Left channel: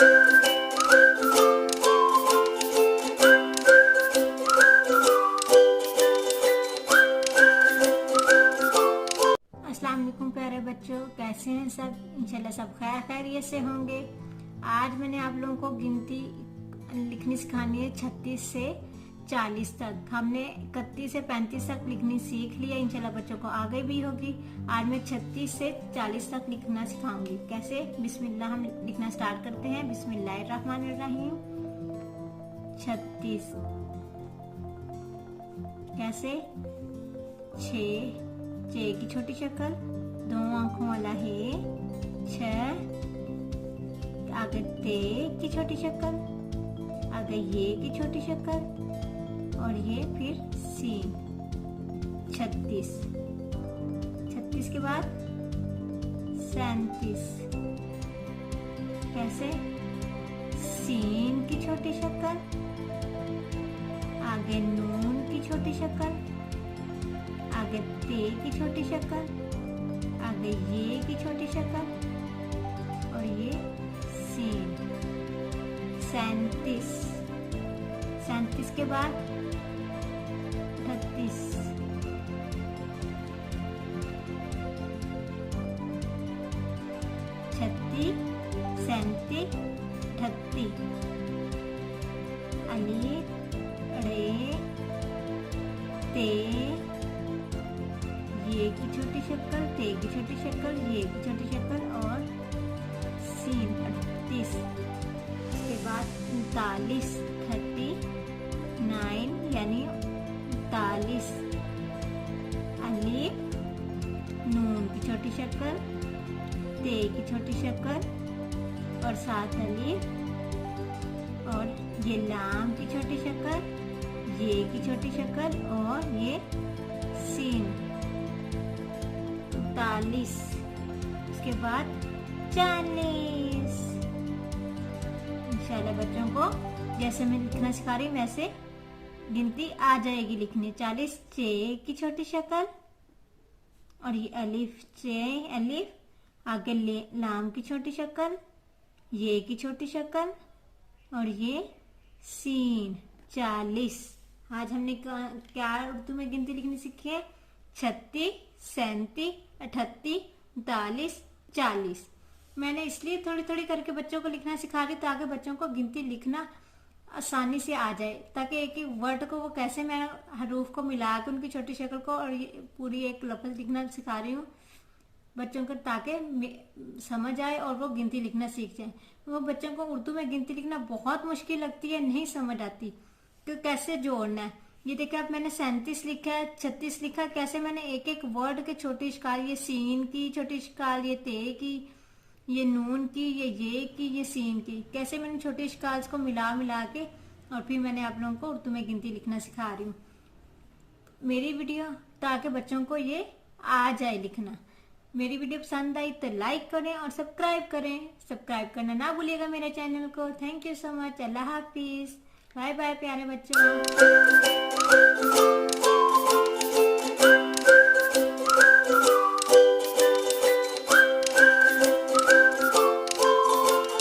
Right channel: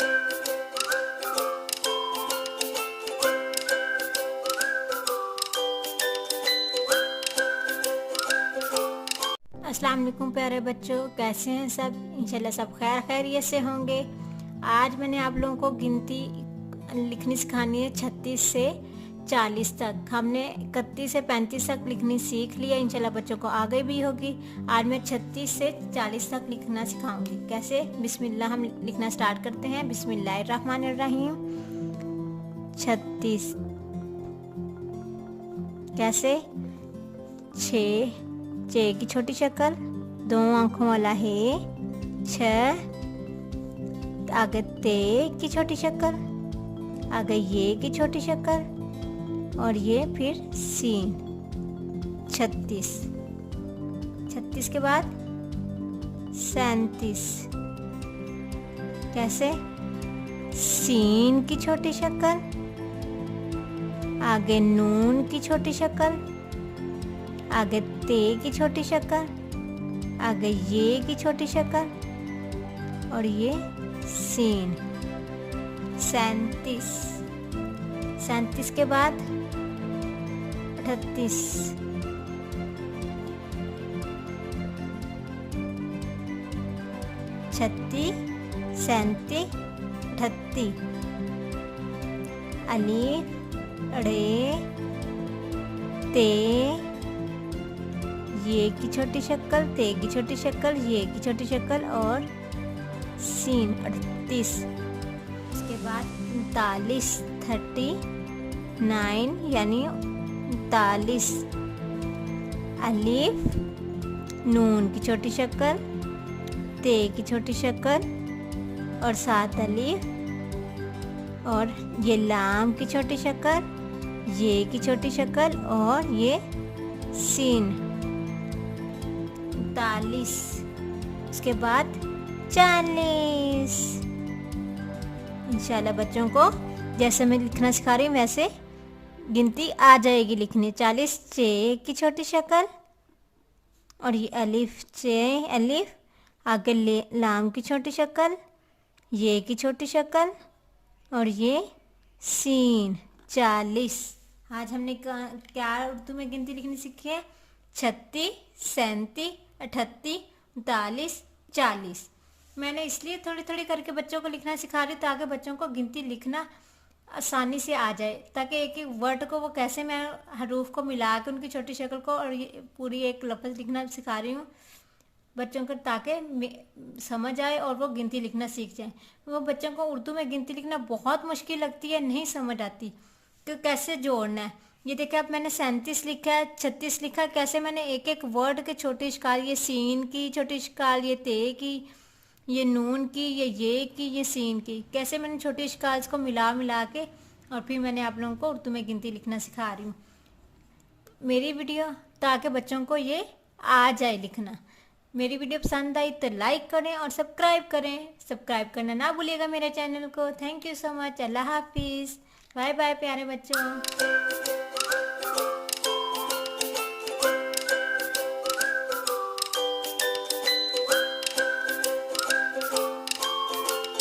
अस्सलाम वालेकुम प्यारे बच्चों, कैसे हैं सब? इंशाल्लाह सब खैरियत से होंगे। आज मैंने आप लोगों को गिनती लिखनी सिखानी है 36 से 40 तक। हमने 31 से 35 तक लिखनी सीख लिया, इंशाल्लाह बच्चों को आगे भी होगी। आज मैं 36 से 40 तक लिखना सिखाऊंगी। कैसे? बिस्मिल्लाह, हम लिखना स्टार्ट करते हैं। बिस्मिल्लाहिर्रहमानिर्रहीम। 36 कैसे? 6 की छोटी शक्ल, 2 आंखों वाला है। 6 आगे ते की छोटी शक्ल, आगे ये की छोटी शक्ल और ये फिर सीन। 36 के बाद 37 कैसे? सीन की छोटी शक्ल, आगे नून की छोटी शक्ल, आगे ते की छोटी शक्ल, आगे ये की छोटी शक्ल और ये सीन। 37 के बाद 38 36 37 38 अलीफ अड़े ते ये की छोटी शक्ल, ते की छोटी शक्ल, ये की छोटी शक्ल और सीन। 38 उसके बाद 39 39 यानी 39 अलीफ नून की छोटी शक्ल, ते की छोटी शक्ल और 7 अलीफ और ये लाम की छोटी शक्ल, ये की छोटी शक्ल और ये सीन। 39 उसके बाद 40। इंशाल्लाह बच्चों को जैसे मैं लिखना सिखा रही हूँ वैसे गिनती आ जाएगी लिखने। 40 चे की छोटी शक्ल और ये अलिफ चे अलिफ, आगे लाम की छोटी शक्ल, ये की छोटी शक्ल और ये सीन। 40। आज हमने क्या उर्दू में गिनती लिखनी सीखी है? 36 37 38 39 40। मैंने इसलिए थोड़ी थोड़ी करके बच्चों को लिखना सिखा रही ताकि बच्चों को गिनती लिखना आसानी से आ जाए, ताकि एक एक वर्ड को वो कैसे मैं हरूफ को मिला के उनकी छोटी शक्ल को और ये पूरी एक लफ्ज़ लिखना सिखा रही हूँ बच्चों को, ताकि समझ आए और वो गिनती लिखना सीख जाए। वो बच्चों को उर्दू में गिनती लिखना बहुत मुश्किल लगती है, नहीं समझ आती कि कैसे जोड़ना है। ये देखिए अब मैंने 37 लिखा है, 36 लिखा है, कैसे मैंने एक एक वर्ड के छोटी शिकाल, ये सीन की छोटी शिकाल, ये ते की, ये नून की, ये की, ये सीन की, कैसे मैंने छोटी शिकाल को मिला मिला के और फिर मैंने आप लोगों को उर्दू में गिनती लिखना सिखा रही हूँ मेरी वीडियो, ताकि बच्चों को ये आ जाए लिखना। मेरी वीडियो पसंद आई तो लाइक करें और सब्सक्राइब करें। सब्सक्राइब करना ना भूलिएगा मेरे चैनल को। Thank you so much. अल्लाह हाफिज़। बाय बाय प्यारे बच्चों।